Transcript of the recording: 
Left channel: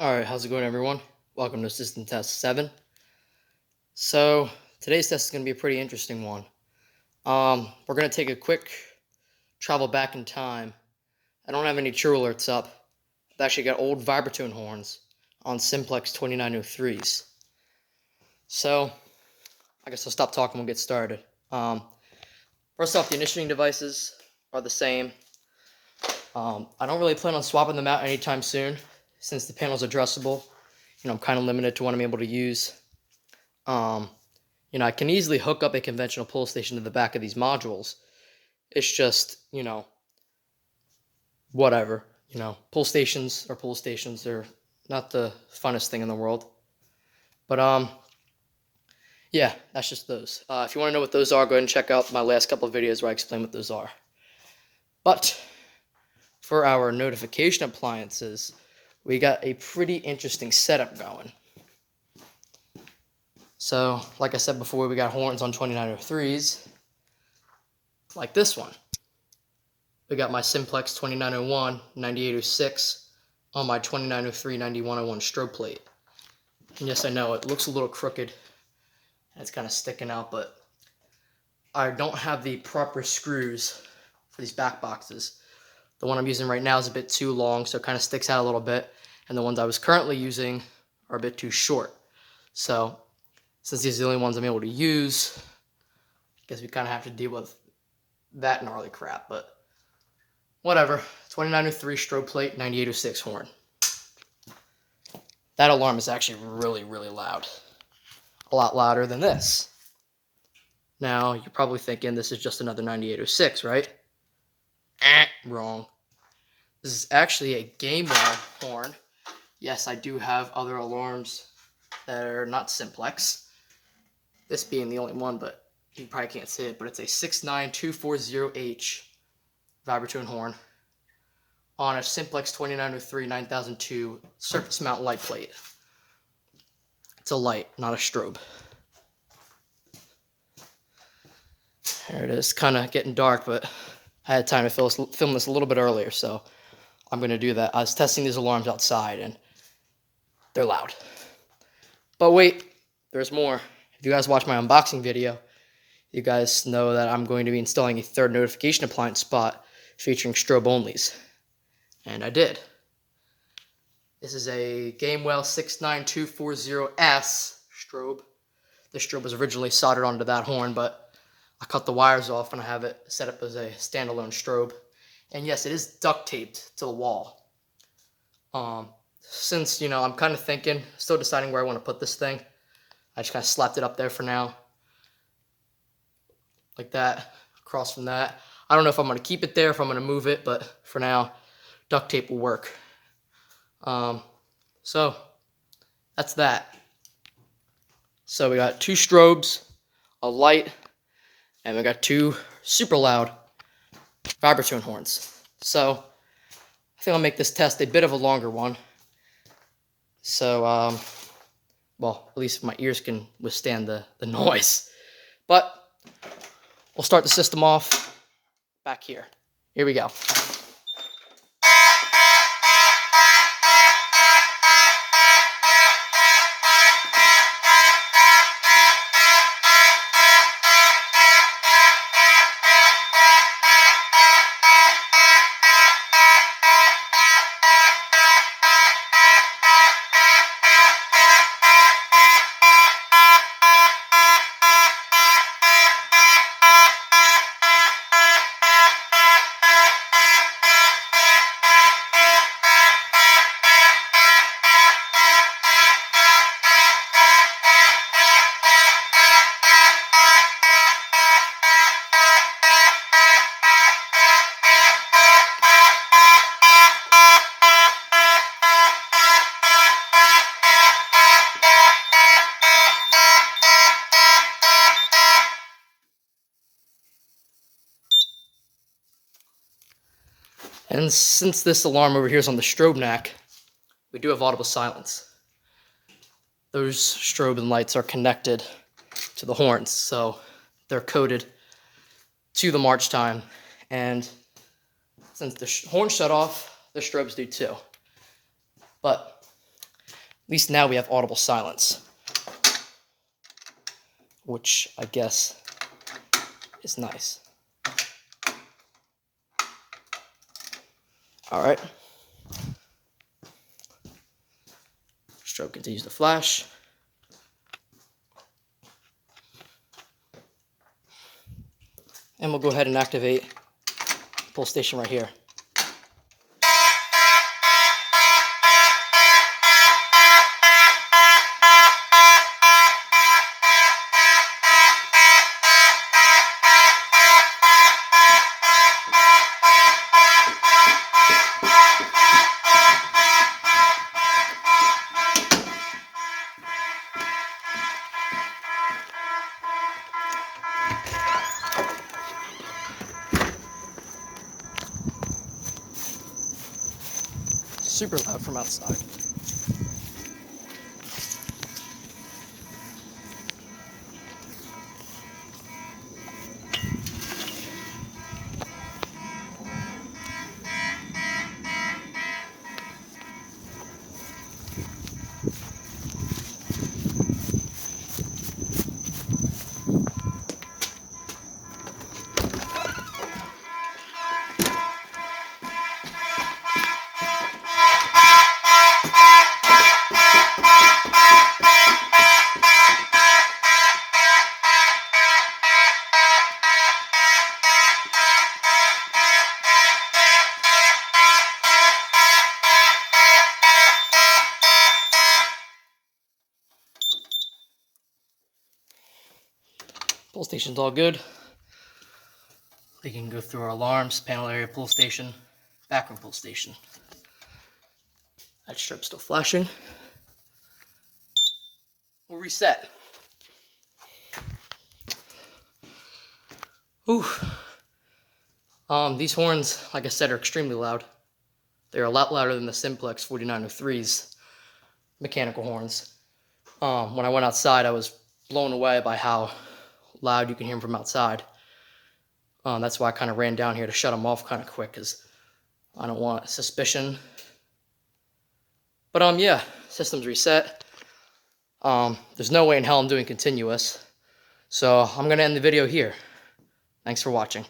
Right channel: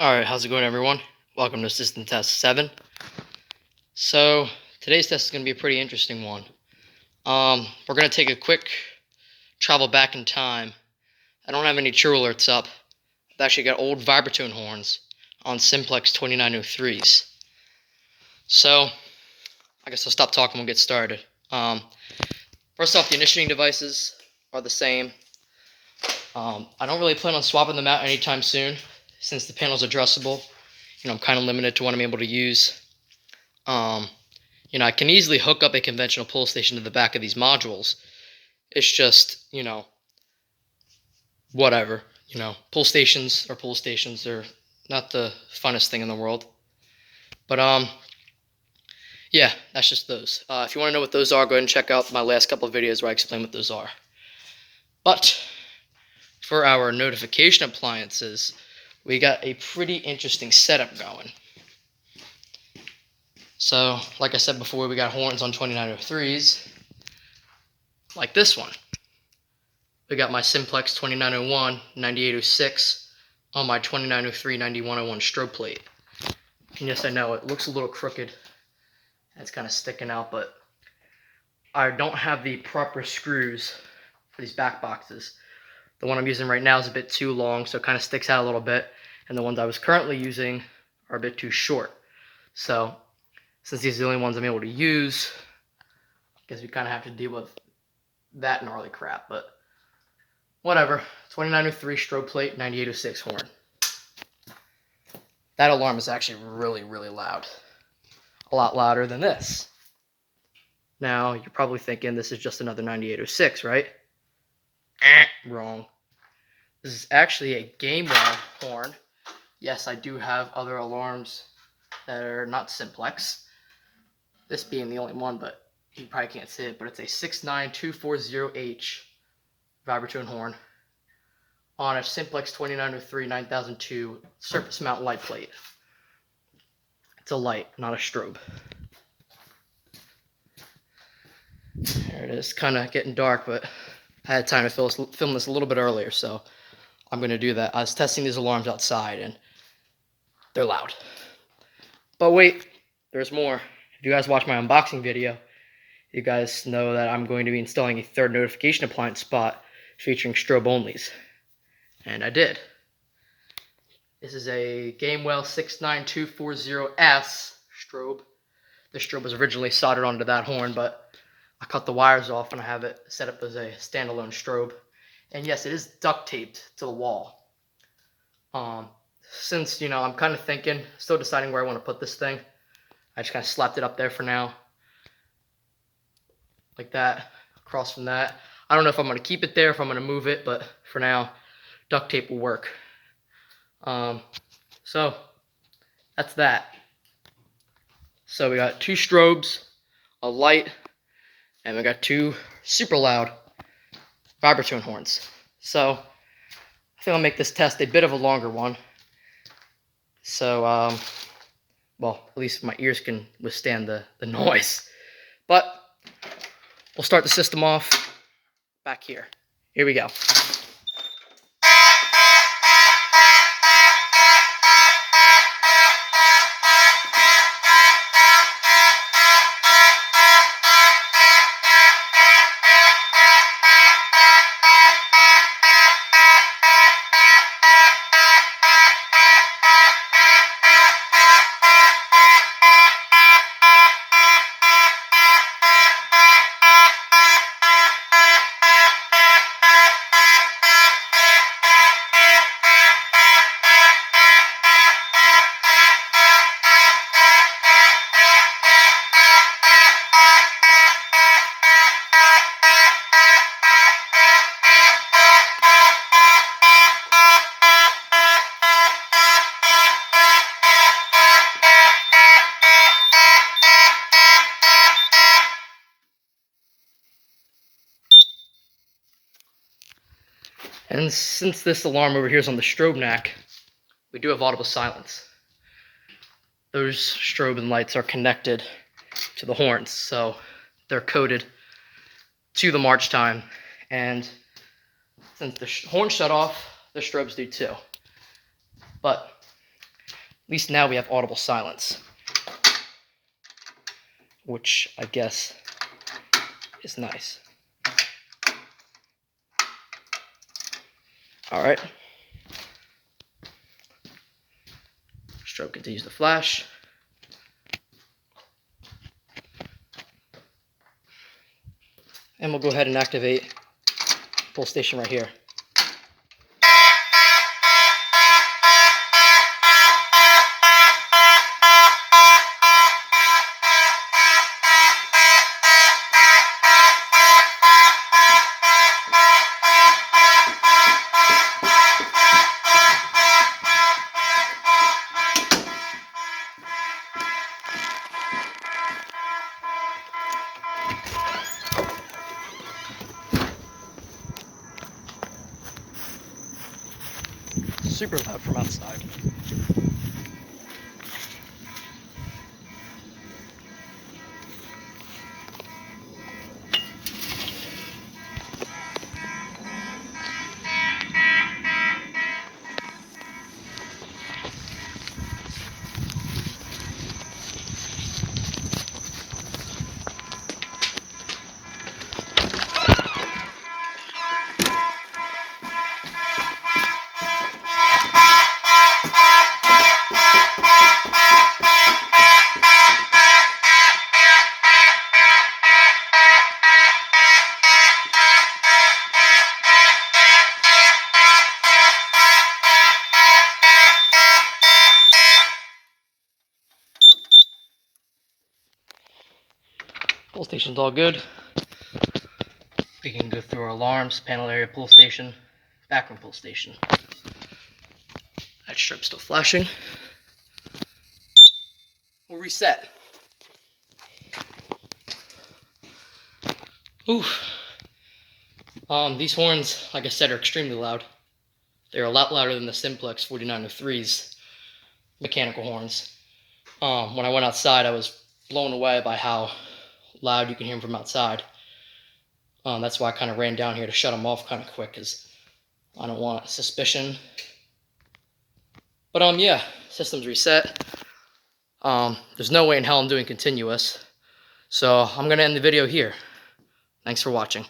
Alright, how's it going, everyone? Welcome to System Test 7. So, today's test is going to be a pretty interesting one. We're going to take a quick travel back in time. I don't have any true alerts up. I've actually got old vibratone horns on Simplex 2903s. So, I guess I'll stop talking and we'll get started. First off, the initiating devices are the same. I don't really plan on swapping them out anytime soon, since the panel's adjustable. I'm kind of limited to what I'm able to use. I can easily hook up a conventional pull station to the back of these modules. It's just, whatever. Pull stations are pull stations. They're not the funnest thing in the world. But, yeah, that's just those. If you want to know what those are, go ahead and check out my last couple of videos where I explain what those are. But, for our notification appliances, we got a pretty interesting setup going. So, like I said before, we got horns on 2903s, like this one. We got my Simplex 2901, 9806 on my 2903, 9101 strobe plate. And yes, I know, it looks a little crooked. It's kind of sticking out, but I don't have the proper screws for these back boxes. The one I'm using right now is a bit too long, so it kind of sticks out a little bit. And the ones I was currently using are a bit too short. So, since these are the only ones I'm able to use, I guess we kind of have to deal with that gnarly crap. But, whatever. 2903 strobe plate, 9806 horn. That alarm is actually really, really loud. A lot louder than this. Now, you're probably thinking this is just another 9806, right? Wrong. This is actually a gamewell horn. Yes, I do have other alarms that are not Simplex. This being the only one, but you probably can't see it, but it's a 69240H vibratone horn on a Simplex 2903 9002 surface mount light plate. It's a light, not a strobe. There it is, kind of getting dark, but I had time to film this a little bit earlier, so I'm going to do that. I was testing these alarms outside, and they're loud. But wait, there's more. If you guys watch my unboxing video, you guys know that I'm going to be installing a third notification appliance spot featuring strobe onlys. And I did. This is a gamewell 69240S strobe. This strobe was originally soldered onto that horn, but I cut the wires off and I have it set up as a standalone strobe. And yes, it is duct taped to the wall. Since, I'm kind of thinking, still deciding where I want to put this thing, I just kind of slapped it up there for now. Like that, across from that. I don't know if I'm going to keep it there, if I'm going to move it, but for now, duct tape will work. So, that's that. So we got two strobes, a light, and we got two super loud vibratone horns. So, I think I'll make this test a bit of a longer one. So, well, at least my ears can withstand the noise. But, we'll start the system off back here. Here we go. And since this alarm over here is on the strobe neck, we do have audible silence. Those strobe and lights are connected to the horns, so they're coded to the march time. And since the horns shut off, the strobes do too. But least now we have audible silence, which I guess is nice. All right. Strobe continues to flash. And we'll go ahead and activate pull station right here. Super loud from outside. Pull station's all good. We can go through our alarms, panel area pull station, backroom pull station. That strip's still flashing. We'll reset. Ooh. These horns, like I said, are extremely loud. They're a lot louder than the Simplex 4903's mechanical horns. When I went outside, I was blown away by how loud you can hear them from outside. That's why I kind of ran down here to shut them off kind of quick, because I don't want suspicion. But yeah, system's reset. There's no way in hell I'm doing continuous. So I'm going to end the video here. Thanks for watching.